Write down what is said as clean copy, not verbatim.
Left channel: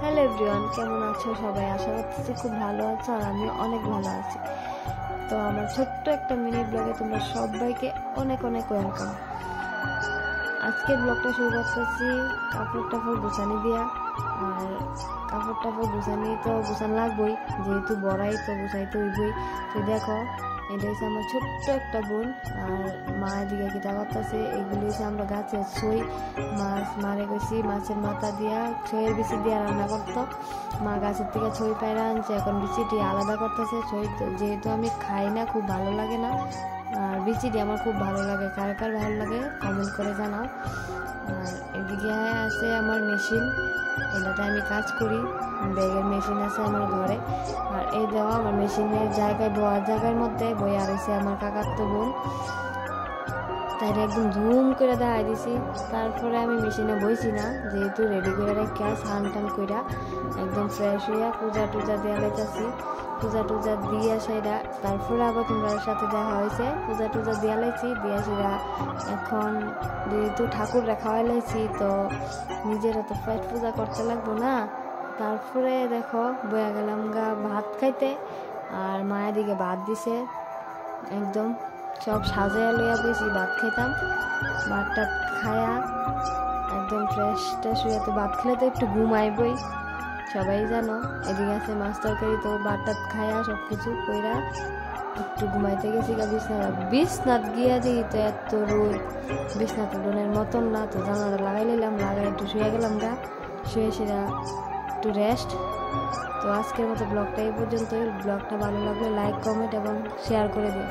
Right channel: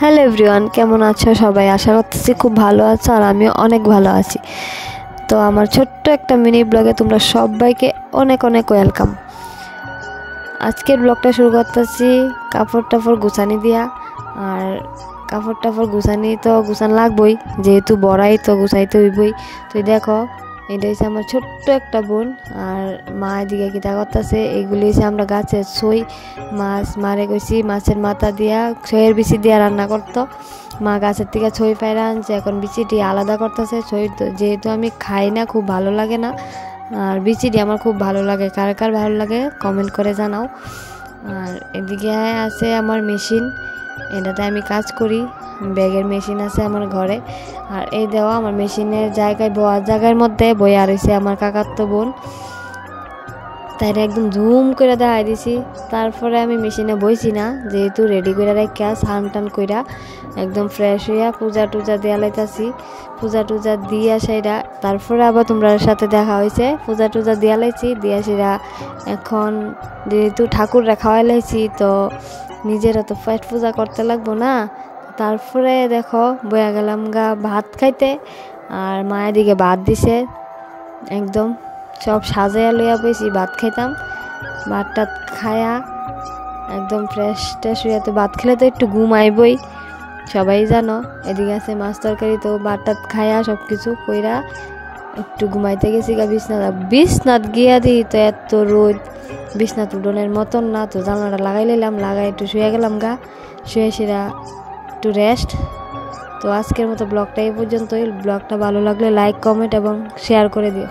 Hello everyone, কেমন আছো সবাই? আশা করতেছি খুব ভালো আছো আর আমিও অনেক ভালো আছি। তো আমার ছোট্ট একটা মিনি ব্লগে তোমরা সবাইকে অনেক অনেক ওয়েলকাম। আজকের ব্লগটা শুরু করতেছি কাপড় টাপড় গুছানি দিয়া। আর কাপড় টাপড় গুছানি তো গুছান লাগবই, যেহেতু বড়াই তো গুছাইতে হইবই। তো দেখো, এটা হচ্ছে আমার ছোট্ট একটা বোন, আর মা এদিকে কিতা করতেছে। এগুলি হচ্ছে আমরা গাছের ছই মাছ মারে গেছি, মাছের মাথা দিয়া ছইয়ের বিচি দিয়া রান্না করতো। মা গাছের থেকে ছই পায়রা আনছে, এখন বিচিটি আলাদা করতেছে। ছই যেহেতু আমি খাই না, খুব ভালো লাগে না, আর বিচিটি আমার খুব ভালো লাগে। কার কার ভালো লাগে কমেন্ট করে জানাও। আর এদিকে আছে আমার মেশিন, এটাতে আমি কাজ করি। ব্যাগের মেশিন আছে আমার ঘরে। আর এই দেওয়া আমার মেশিনের জায়গায় বয়ার জায়গার মধ্যে বইয়া রয়েছে আমার কাকাতো বোন, তাই একদম জুম করে দেখাই দিছি। তারপরে আমি মেশিনে বইছি না, যেহেতু রেডি করে রেখে স্নান টান কইরা একদম ফ্রেশ হইয়া পূজা টুজা দেওয়া লাইতাছি। পূজা টুজা দিয়া সেরা তারপরে আবার তোমরা সাথে দেখা হয়েছে। পূজা টুজা দিয়া লাইছি, দিয়া সেরা এখন যেহেতু ঠাকুররা খাওয়াই লাইছি, তো নিজেরা তো পেট পূজা করতে লাগবো না। তারপরে দেখো বয়া গেলাম গা ভাত খাইতে। আর মায়ের দিকে ভাত দিছে, একদম সব সাজাইয়া লইয়া বইছি ভাত খাইতাম। ভাত টাত খায়া একদম ফ্রেশ ট্রেশ হইয়া, তো ভাত খেলে তো একটু ঘুম আইবই, সবাই জানো। এদিকে আছে মাছ তরকারি, তো ভাত টাত খায়া সব কিছু কইরা একটু ঘুমাইতে গেছি গা বিছনাথ গিয়া দিই তো এত রোদ, বিছনাথ উডনের মতন না। তো জানলাটা লাগাই লাইলাম, লাগাই একটু শুয়ে গেলাম গা, শুয়ে সেরা একটু রেস্ট। তো আজকের মতো ব্লগটা এই পর্যন্তই। ব্লগটা ভালো লাগলে লাইক কমেন্ট এবং শেয়ার করে দিও।